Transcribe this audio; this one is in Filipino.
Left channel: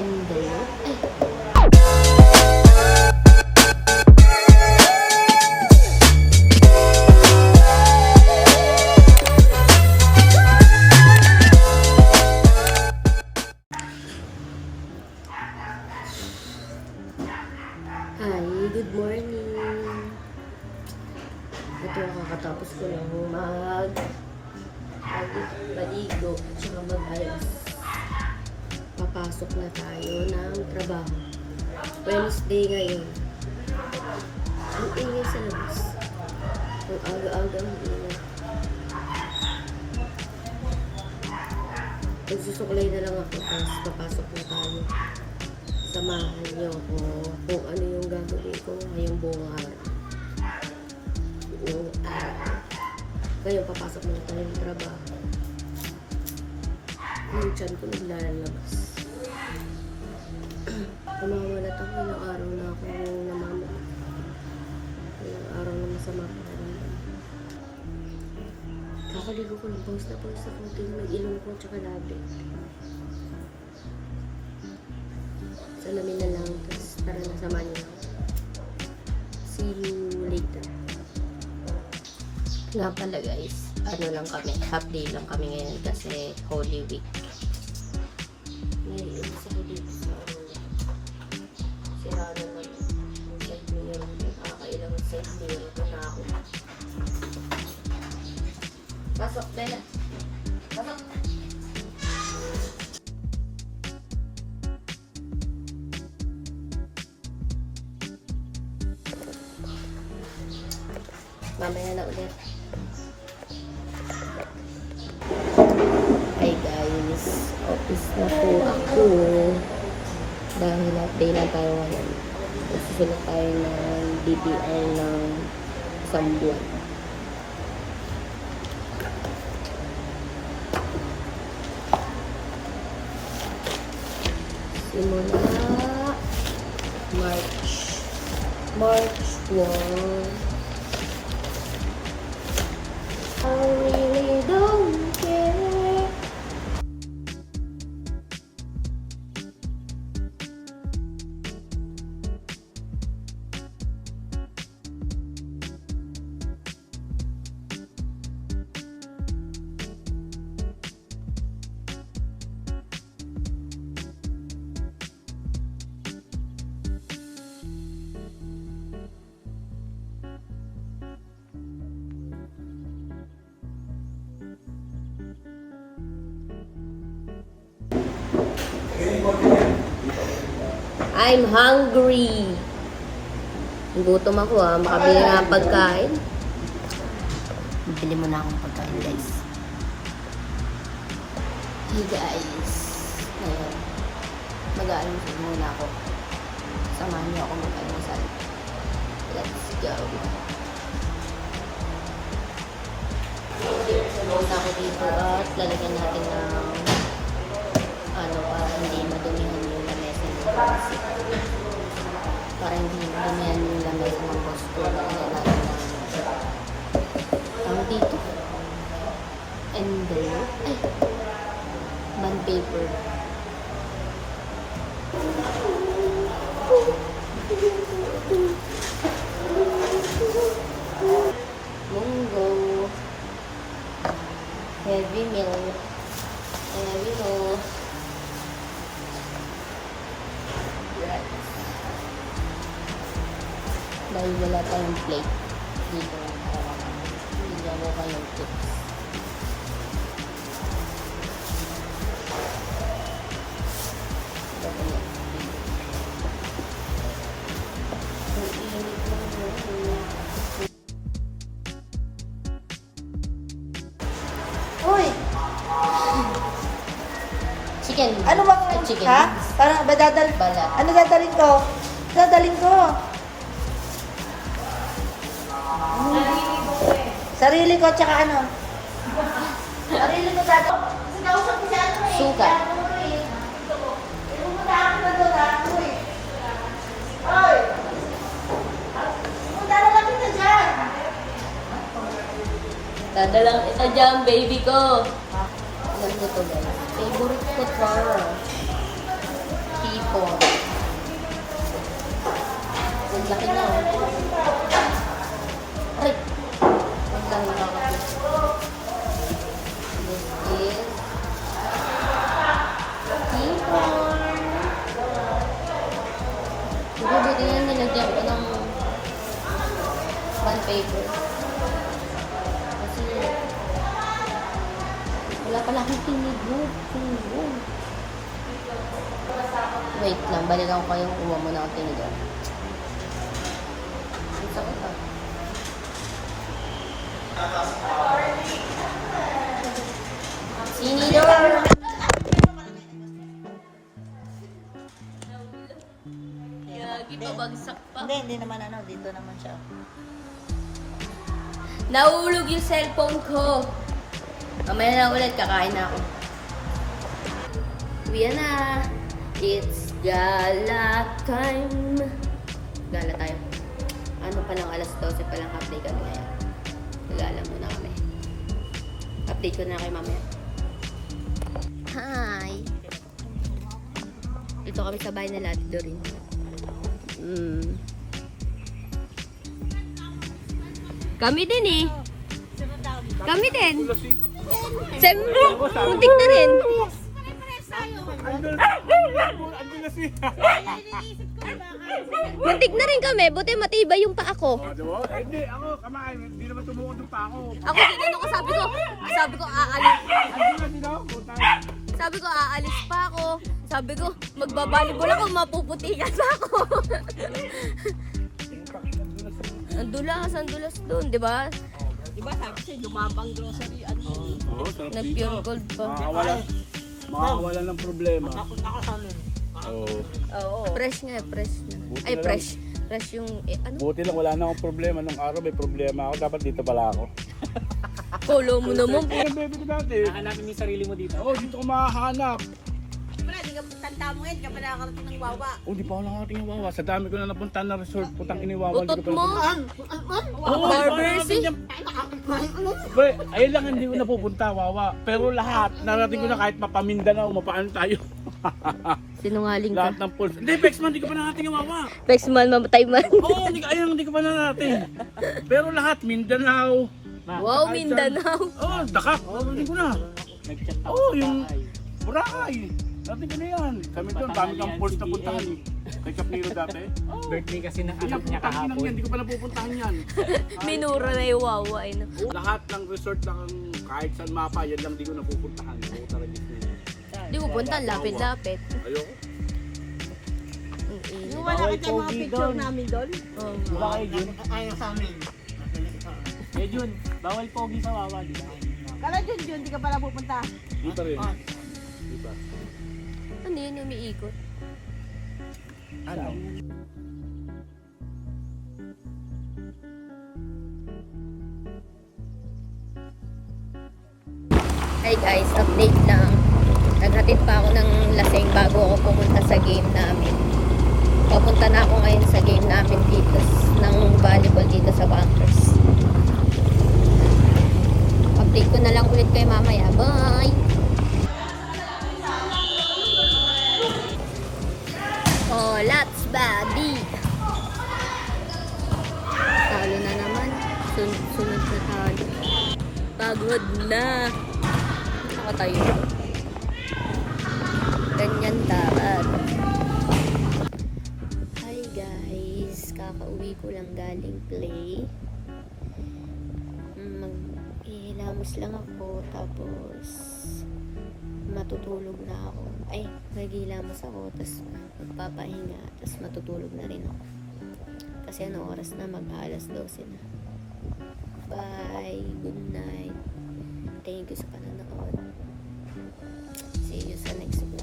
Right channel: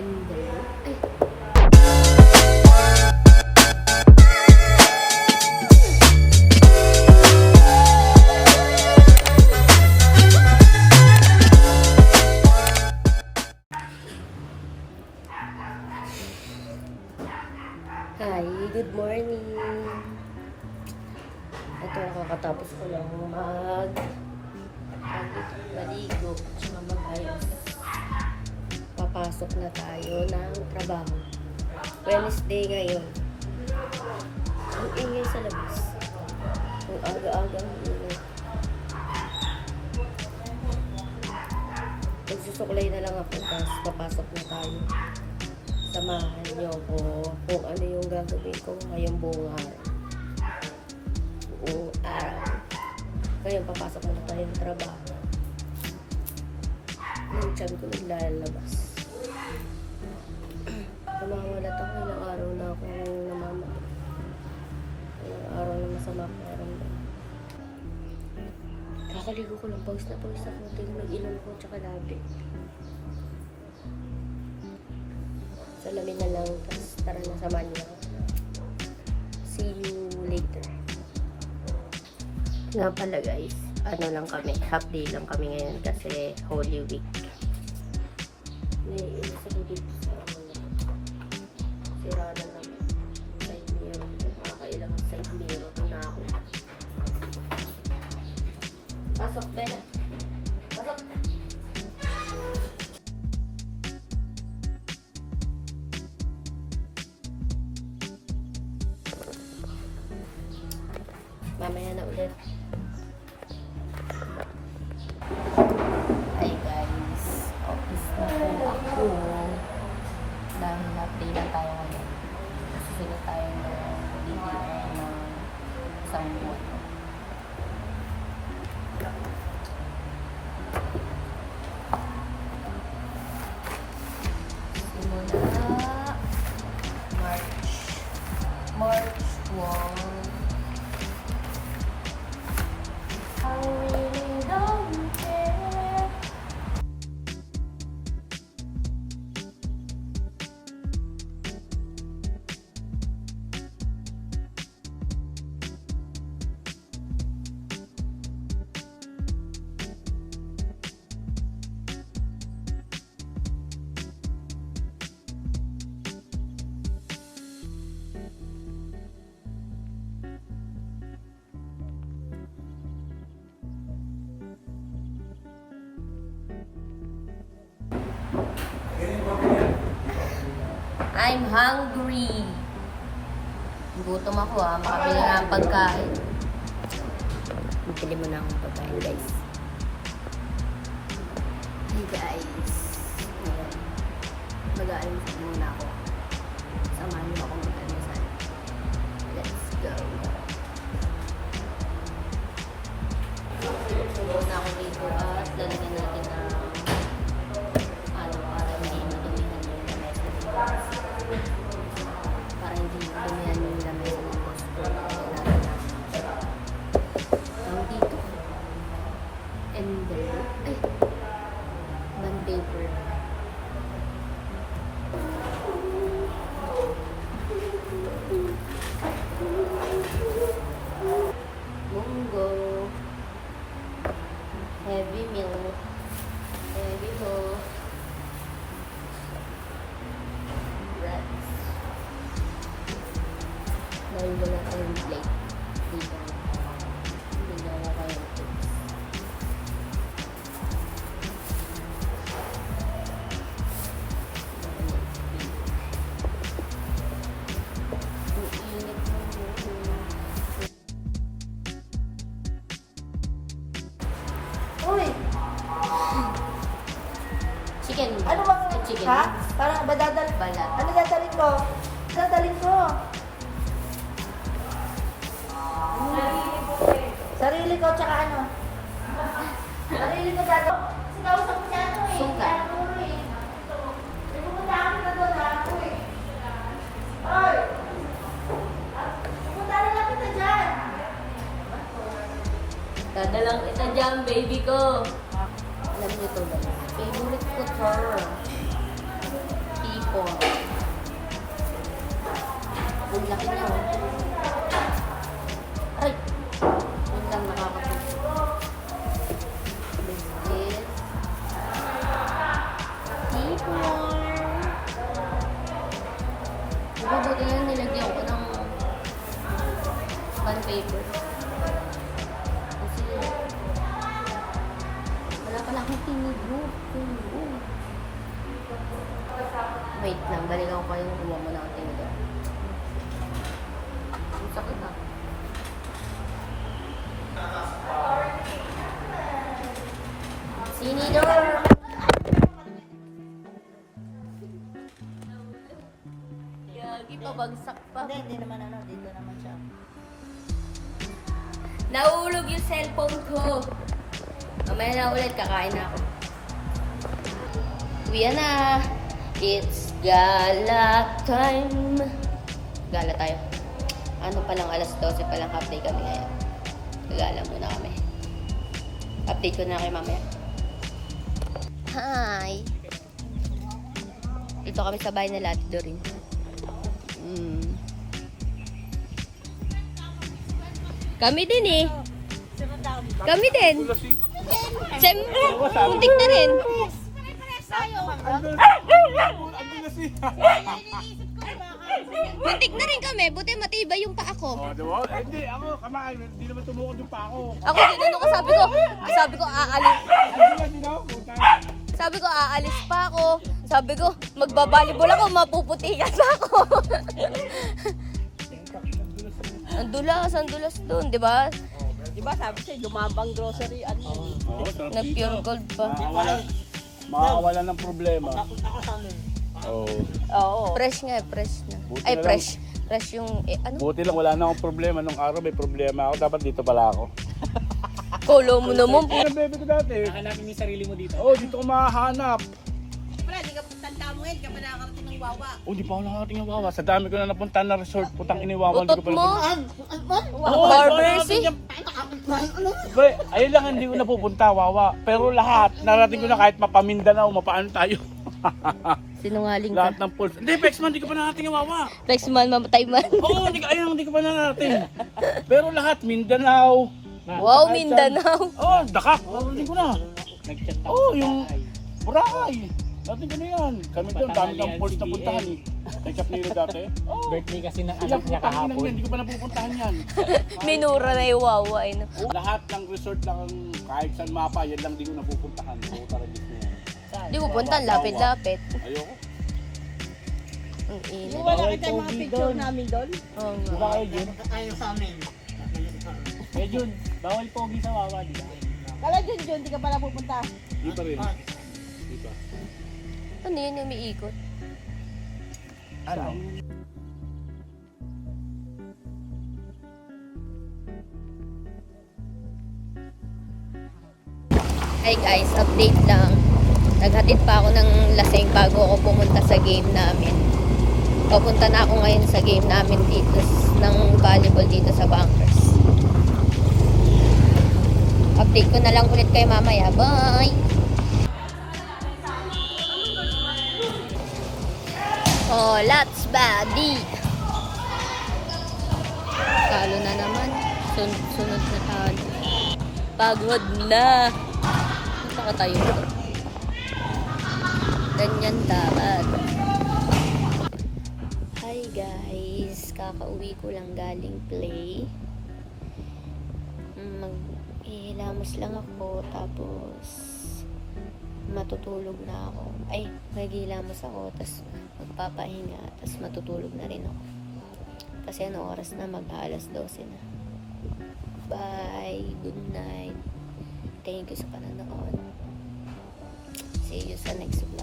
envelope. Ay. Hi, good morning. Ito, kakatapos ko lang maligo at saka mag-ayos. Papasok na tayo ng trabaho. Wednesday ngayon. Ang ingay sa labas. Ang aga-aga ng ingay. Magsusuklay na lang ako, tapos papasok na tayo. Samahan niyo ko kung ano yung gagawin ko ngayong buong araw. Buong araw. Ngayon, papasok muna tayo ng trabaho. Yung tiyan ko naglalabas. Umawalat ako, ilang araw na akong namamatay. Ilang araw na masama ang pakiramdam. Kakaligo ko lang, pause na pause ako. May ilong ko tsaka labi. Salamin na lang, tapos tara na samahan niyo. See you later. Nga pala guys, ano lang kami, half day lang kami ngayon kasi Holy Week. Ngayon, sa Holy Week sa sira na lang. Side mirror, nakakailang side mirror ko na ako. Pasok, Bella. Pasok. Mamaya na ulit. Hi guys, office na po ako. Dahil update na tayo ngayon. Susunod tayo ng DTR ng isang buwan. Simula March 1. I really don't care. I'm hungry. Gutom ako makabili nga ng pagkain. Bili mo na akong pagkain guys. Hey guys. Ngayon, mag-aalmusal muna ako. Samahan niyo ako mag-almusal. Let's go. Pumunta ako dito at lalagyan natin ng para hindi madumihan yung lamesa ng boss. Para hindi madumihan yung lamesa ng boss ko. Lalagyan natin ng dito. Envelope. Ay! Bond paper. Munggo. Heavy milk. Heavy ho. Dahil wala tayong plate dito lang tayo bigyan ko kayong tips. Dapat yan. Ang init lang yun. Uy! Chicken. Ano bang chicken? Ha? Parang dadalhin. Balat. Ano dadalhin ko? Dadalhin ko. Sarili ko tsaka ano? Sarili ko dadalhin. Kasi nausap ko siya ano eh. Suka. Pumunta ako na doon ha. Uy! Oy! Pumunta na lang kita dyan. Dadalang kita dyan, baby ko. Alam niyo to guys. Favorite ko to. T4. Good laki niya, oh. Aray! Wait lang, nakakapit. This is T4. Diba, buti nga nilagyan ko ng bond paper. Kasi wala pala akong tinigog. Wait lang, balikan ko kayong uwa mo na akong tinigog. Ang sakit ah. Sinidor! Gagi, pabagsak pa. Hindi naman ano, dito naman siya. Nahulog yung cellphone ko. Mamaya na ulit, kakain na ako. Uwi na. It's gala time. Gala tayo. Ano palang alas 12 palang half day kami ngayon. Gala muna kami. Update ko na kayo mamaya. Hi! Dito kami sa bahay na Lati Dorin. Kami din eh. Kami din. Siyempre, muntik na rin. Muntik na rin kami. Buti matibay yung paa ko. Diba? Hindi, ako, kamain. Hindi naman tumukod yung pa ako. Ako din, ko sabi ko aalis. Sabi ko aalis pa ako. Sabi ko, magbabalibol ako, mapuputigas ako. Ang dulas doon, di ba? Diba sabi siya, lumabang grocery, ano. Oo, sarap Na pure gold pa. Makakawala ng problema. Ako sa amin. Oo. Oo. Fresh nga, fresh na. Buti Ay, na fresh. Fresh yung, ano? Buti lang, wala na akong problema. Nung araw may problema ako. Dapat dito pala ako. Kolo mo naman. Yan ang bebe ko dati. Hanapin mo yung sarili mo dito. Oo, dito ko makahanap. Wala, di ka tanda mo yan, ka pa nakakarating ng wawa. Oo, di pa ako nakakating ng Wawa. Sa dami ko na napunta na resort. Putang iniwawa. Utot mo. Oo, Barbersi. Pre, ayun lang hindi ko napupunta, Wawa. Pero lahat, narating ko na kahit mapamindanao, mapaano tayo. Sinungaling Lahat ka. ng pulse. Hindi, Bexman, di ko pa narating ang Wawa. Next man, mamatay man. Oo, hindi ko pa narating. Pero lahat, Mindanao. Wow, Mindanao. Oo, Dakat. Narating ko na. Nag-chat ako. Oo, yung Boracay. Narating ko na yan. Kami doon, dami kang pulse na puntahan. Kay Kapnilo dati. Oo. Birthday kasi ng Ayan, anak niya putang ina kahapon. yan, hindi ko pa napupuntahan yan. Minura na yung wawa. Eh, no? Lahat ng resort lang, kahit saan mapa, yan lang di ko napupuntahan. Oo, talagang Di ko punta, lapit-lapit. ayoko. Ang init. Wala ka tayong mga picture namin doon. Oo nga. Bawal Jun. Ayaw sa amin. Eh Jun, bawal pogi sa Wawa dito. Kala Jun, di ka pala pupunta. Di pa rin. Di ba? Ano yun, umiikot? Ano? Hi guys, update lang. Naghatid pa ako ng lasing bago ako pumunta sa game namin. Papunta na ako ngayon sa game namin dito ng volleyball dito sa Bankers. Update ko na lang ulit kay mamaya. Bye! Oh, lots buddy! Talo na naman. Sunod na talo. Pagod na. Saka tayo ito. Ganyan dapat. Hi guys. Kakauwi ko lang galing play. Mag-ihilamos lang ako. Tapos matutulog na ako. Ay, mag-ihilamos ako. Tapos magpapahinga. Tapos matutulog na rin ako. Kasi ano oras na? Mag-alas 12 na. Bye. Good night. Thank you sa panonood. See you sa next vlog.